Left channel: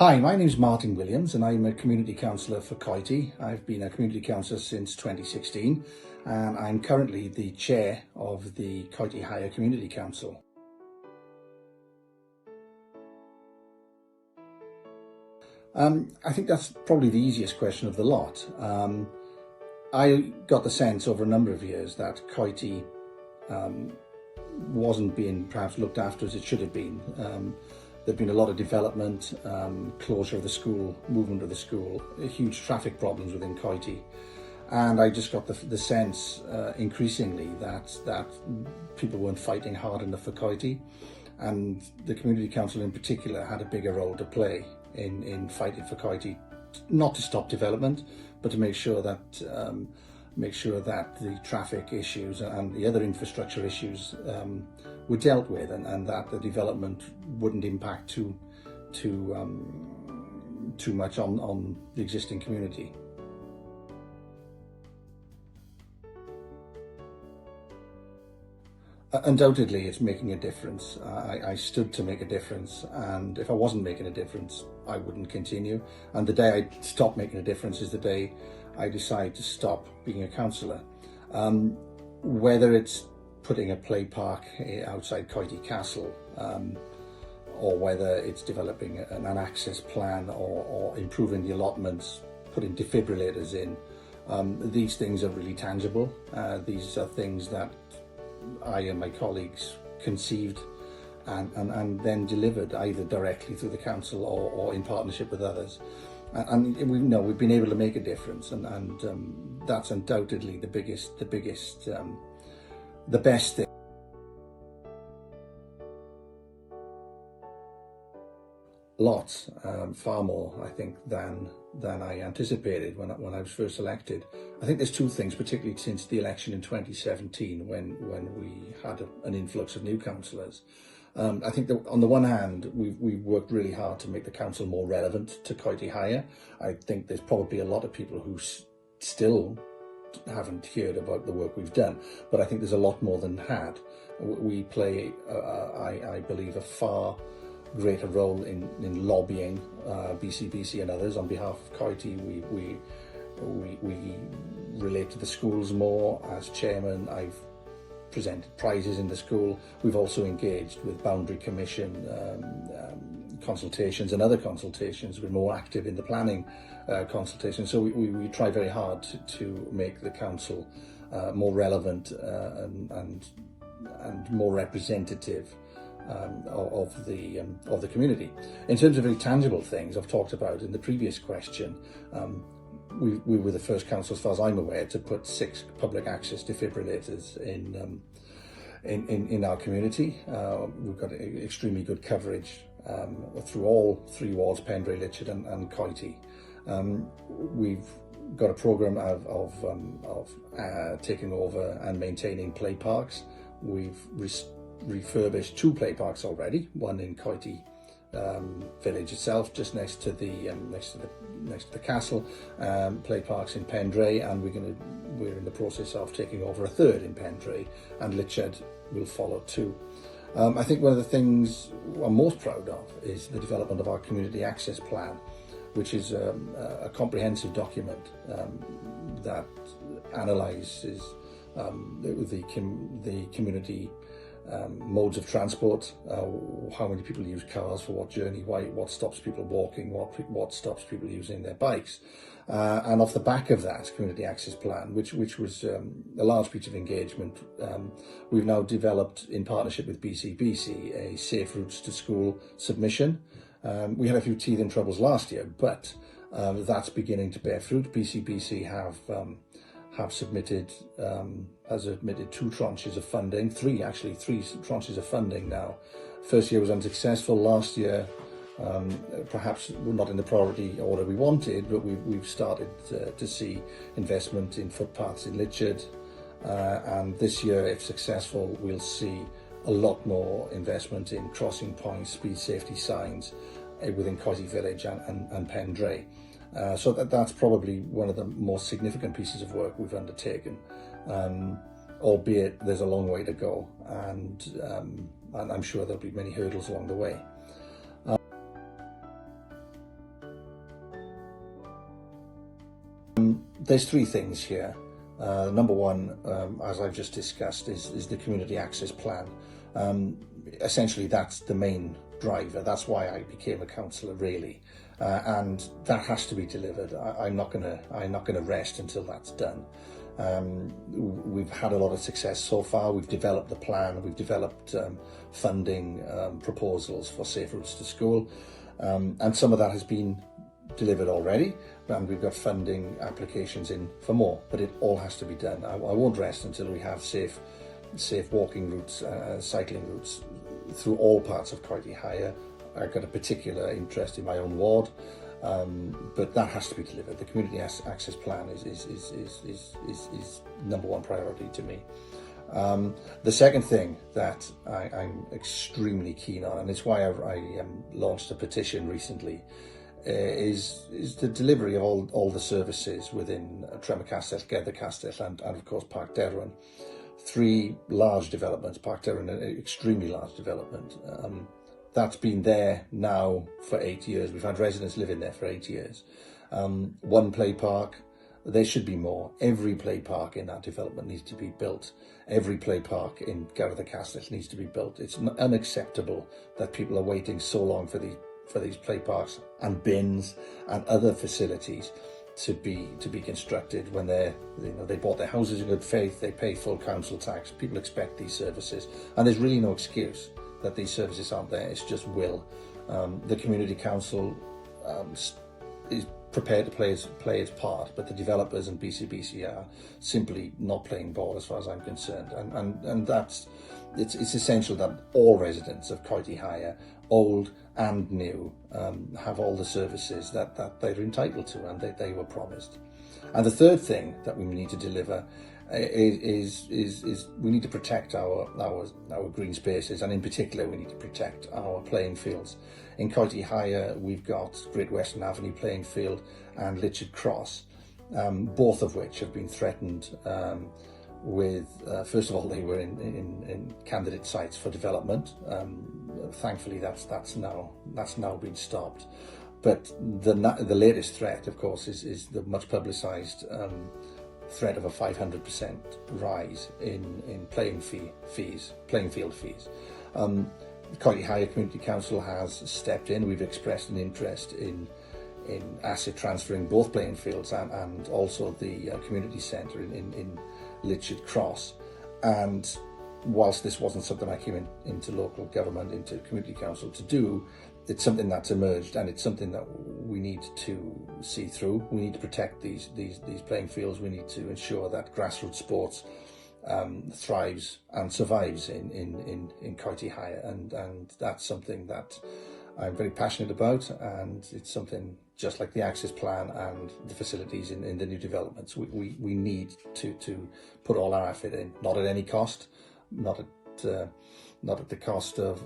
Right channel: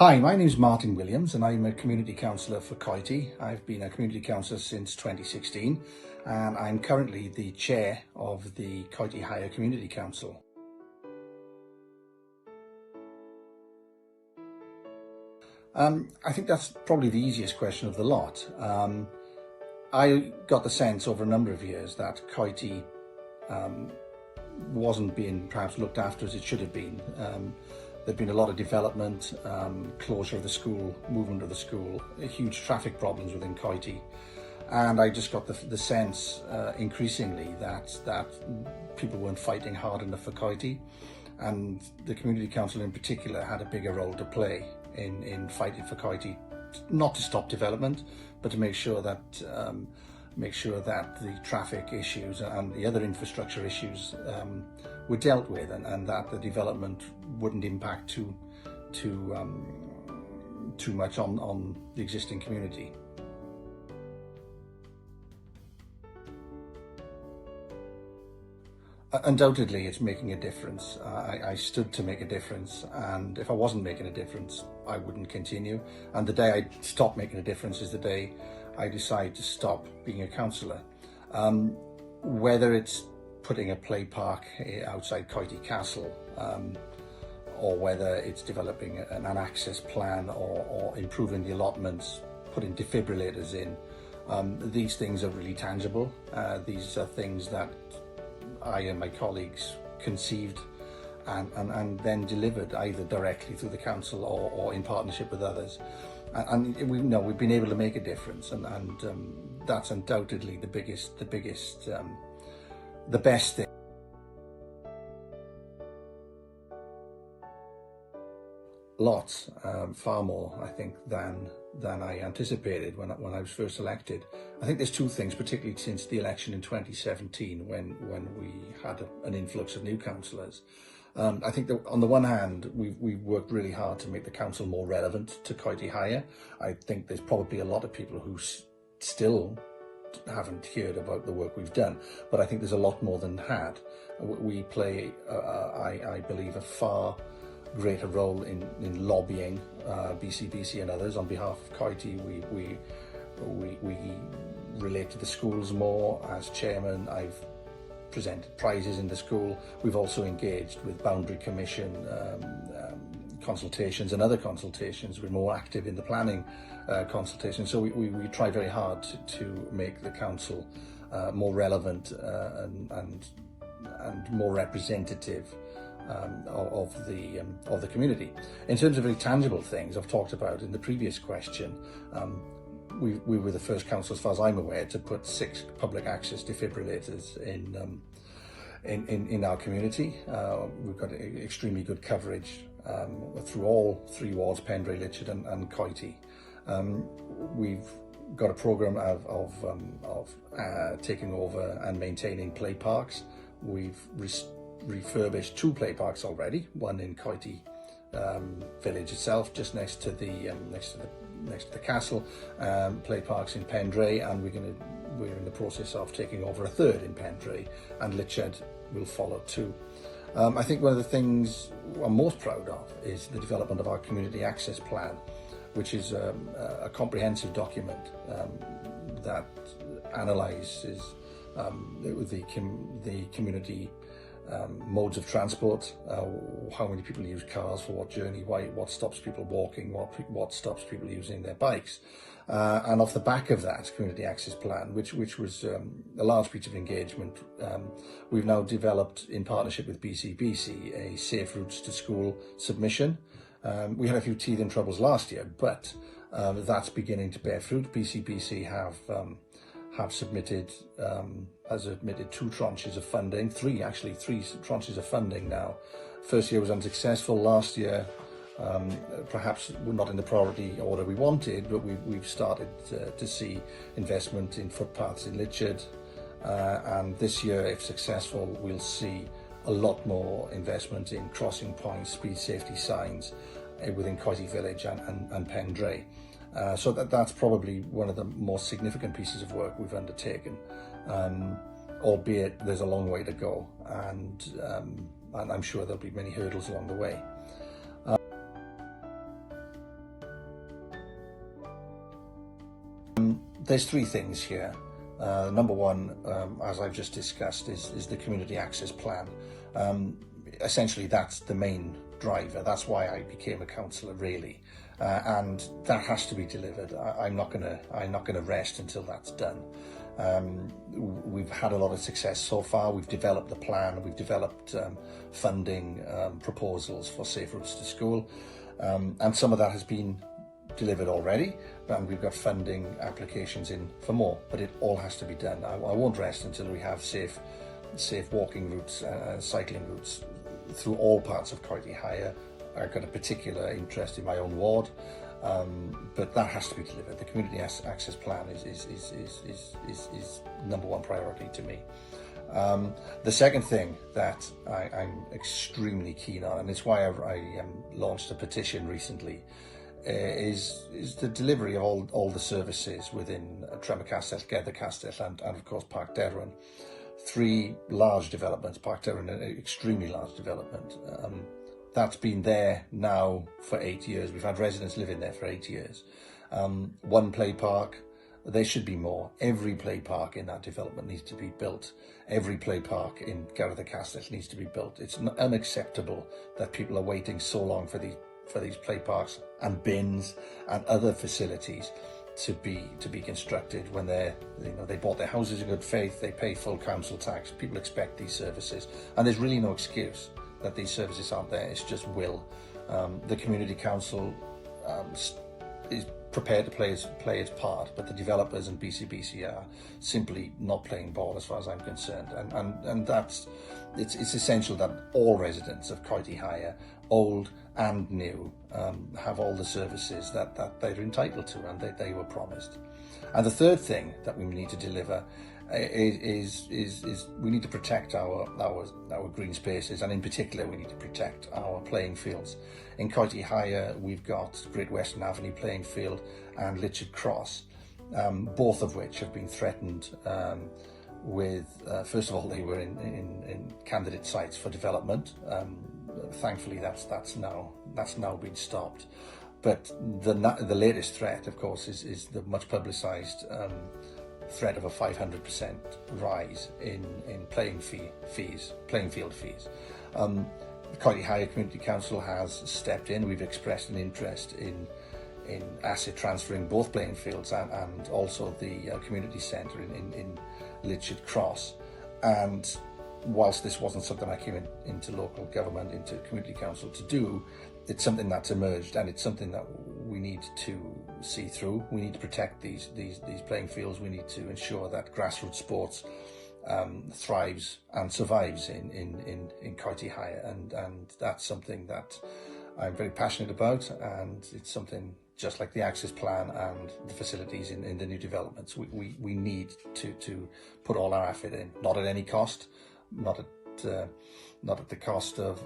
Hi, my name is Martin Williams and I'm a Community Councillor for Coity. I've been a Community Councillor since 2016 and I'm currently the Chair of the Coity Higher Community Council. I think that's probably the easiest question of the lot. I got the sense over a number of years that Coity wasn't being perhaps looked after as it should have been. There'd been a lot of development, closure of the school, movement of the school, huge traffic problems within Coity. And I just got the sense increasingly that people weren't fighting hard enough for Coity, and the Community Council in particular had a bigger role to play in fighting for Coity, not to stop development, but to make sure that the traffic issues and the other infrastructure issues were dealt with, and that the development wouldn't impact too much on the existing community. Undoubtedly, it's making a difference. I stood to make a difference, and if I wasn't making a difference, I wouldn't continue. And the day I stop making a difference is the day I decide to stop being a councillor. Whether it's putting a play park outside Coity Castle, or whether it's developing an access plan or improving the allotments, putting defibrillators in, these things are really tangible. These are things that I and my colleagues conceived and then delivered either directly through the council or in partnership with others. And we've been able to make a difference, and that's undoubtedly the best thing. Lots, far more, I think, than I anticipated when I was first elected. I think there's two things, particularly since the election in 2017, when we had an influx of new councillors. I think that on the one hand, we've worked really hard to make the council more relevant to Coity Higher. I think there's probably a lot of people who still haven't heard about the work we've done, but I think there's a lot more than had. We play, I believe, a far greater role in lobbying BCBC and others on behalf of Coity. We relate to the schools more. As chairman, I've presented prizes in the school. We've also engaged with Boundary Commission consultations and other consultations. We're more active in the planning consultations. So we try very hard to make the council more relevant and more representative of the community. In terms of very tangible things I've talked about in the previous question, we were the first council, as far as I'm aware, to put 6 public access defibrillators in our community. We've got extremely good coverage through all 3 wards, Pendray, Litchard and Coity. We've got a programme of taking over and maintaining play parks. We've refurbished 2 play parks already, one in Coity village itself, just next to the castle, play parks in Pendray, and we're in the process of taking over a 3rd in Pendray, and Litchard will follow too. I think one of the things I'm most proud of is the development of our community access plan, which is a comprehensive document that analyses the community modes of transport, how many people use cars for what journey, what stops people walking, what stops people using their bikes. And off the back of that community access plan, which was a large piece of engagement, we've now developed, in partnership with BCBC, a Safe Routes to School submission. We had a few teething troubles last year, but that's beginning to bear fruit. BCBC has submitted 2 tranches of funding, 3 tranches of funding now. First year was unsuccessful. Last year, perhaps not in the priority order we wanted, but we've started to see investment in footpaths in Litchard, and this year, if successful, we'll see a lot more investment in crossing points, speed safety signs within Coity Village and Pendray. So that's probably one of the most significant pieces of work we've undertaken, albeit there's a long way to go, and I'm sure there'll be many hurdles along the way. there's three things here. Number one, as I've just discussed, is the community access plan. Essentially, that's the main driver. That's why I became a councillor, really, and that has to be delivered. I'm not gonna rest until that's done. We've had a lot of success so far. We've developed the plan. We've developed funding proposals for safe routes to school, and some of that has been delivered already. And we've got funding applications in for more, but it all has to be done. I won't rest until we have safe walking routes, cycling routes through all parts of Coity Higher. I've got a particular interest in my own ward, but that has to be delivered. The community access plan is number one priority to me. The second thing that I'm extremely keen on, and it's why I launched a petition recently, is the delivery of all the services within Tremor Castell, Gather Castell, and of course Park Derwent. Three large developments. Park Derwent, an extremely large development. That's been there now for 8 years. We've had residents living there for 8 years. One play park. There should be more. Every play park in that development needs to be built. Every play park in Gather Castell needs to be built. It's unacceptable that people are waiting so long for these play parks and bins and other facilities to be constructed when they bought their houses in good faith. They pay full council tax. People expect these services, and there's really no excuse that these services aren't there. It's just will. The community council is prepared to play its part, but the developers and BCBC are simply not playing ball as far as I'm concerned, and it's essential that all residents of Coity Higher, old and new, have all the services that they're entitled to and they were promised. And the third thing that we need to deliver is we need to protect our green spaces, and in particular we need to protect our playing fields. In Coity Higher we've got Great Western Avenue playing field and Litchard Cross, both of which have been threatened with, first of all, they were in candidate sites for development. Thankfully that's now been stopped. But the latest threat, of course, is the much publicised threat of a 500% rise in playing field fees. Coity Higher Community Council has stepped in. We've expressed an interest in asset transferring both playing fields and also the community centre in Litchard Cross. And whilst this wasn't something I came into local government, into community council to do, it's something that's emerged, and it's something that we need to see through. We need to protect these playing fields. We need to ensure that grassroots sports thrives and survives in Coity Higher, and that's something that I'm very passionate about, and it's something just like the access plan and the facilities in the new developments. We need to put all our effort in, not at any cost, not at the cost of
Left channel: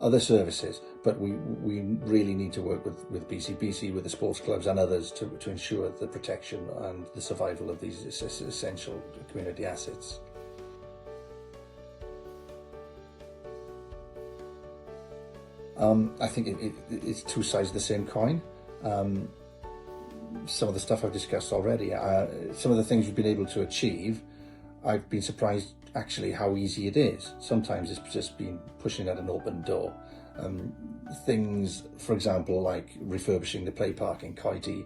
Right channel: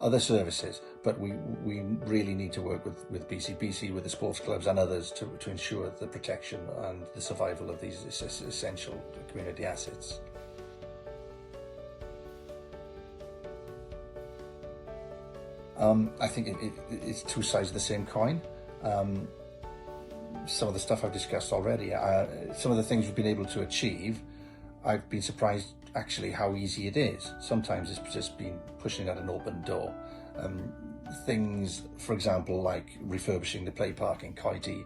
other services, but we really need to work with BCBC, with the sports clubs and others to ensure the protection and the survival of these essential community assets. I think it's two sides of the same coin. Some of the stuff I've discussed already, some of the things we've been able to achieve, I've been surprised actually how easy it is. Sometimes it's just been pushing at an open door. Things, for example, like refurbishing the play park in Coity,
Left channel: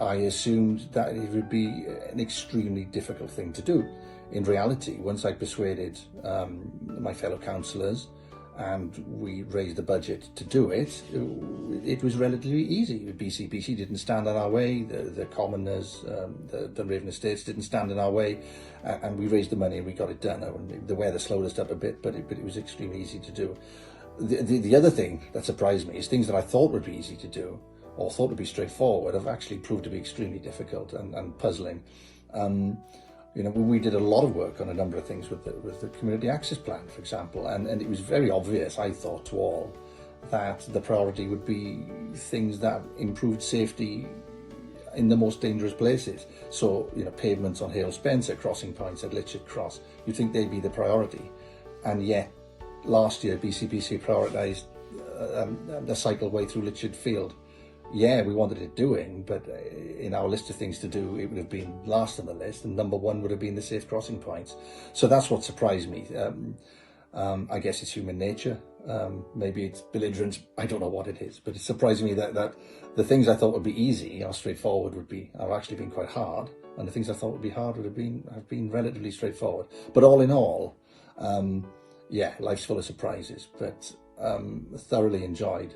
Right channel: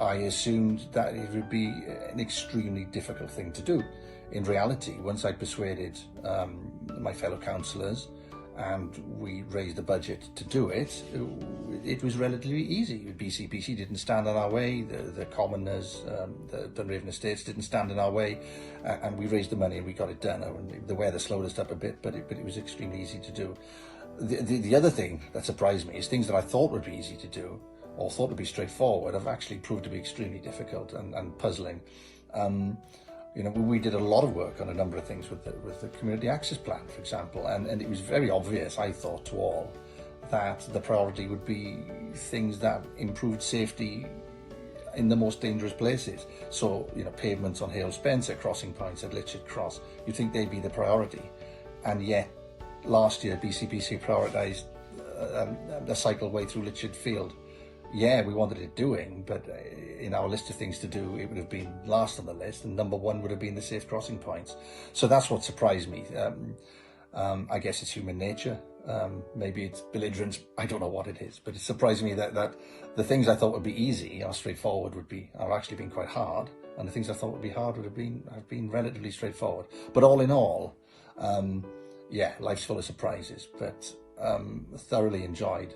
I assumed that it would be an extremely difficult thing to do. In reality, once I persuaded my fellow councillors and we raised the budget to do it, it was relatively easy. The BCBC didn't stand in our way, the commoners, the Dunraven Estates didn't stand in our way, and we raised the money and we got it done. The weather slowed us up a bit, but it was extremely easy to do. The other thing that surprised me is things that I thought would be easy to do, or thought would be straightforward, have actually proved to be extremely difficult and puzzling. We did a lot of work on a number of things with the community access plan, for example, and it was very obvious, I thought, to all, that the priority would be things that improved safety in the most dangerous places. So, pavements on Hale Spencer, crossing points at Litchard Cross, you'd think they'd be the priority. And yet, last year, BCBC prioritised the cycleway through Litchard Field. yeah, we wanted it doing, but in our list of things to do, it would have been last on the list, and number one would have been the safe crossing points. So that's what surprised me. I guess it's human nature. Maybe it's belligerence. I don't know what it is, but it surprised me that the things I thought would be easy or straightforward have actually been quite hard, and the things I thought would be hard have been relatively straightforward. But all in all, yeah, life's full of surprises, but thoroughly enjoyed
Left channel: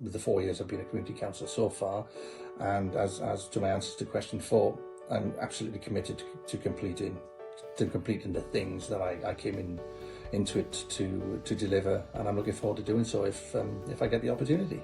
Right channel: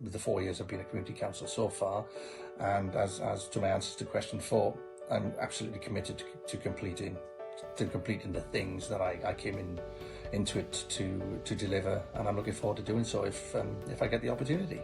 the 4 years I've been a community councillor so far. And as to my answers to question 4, I'm absolutely committed to completing the things that I came into it to deliver, and I'm looking forward to doing so if I get the opportunity.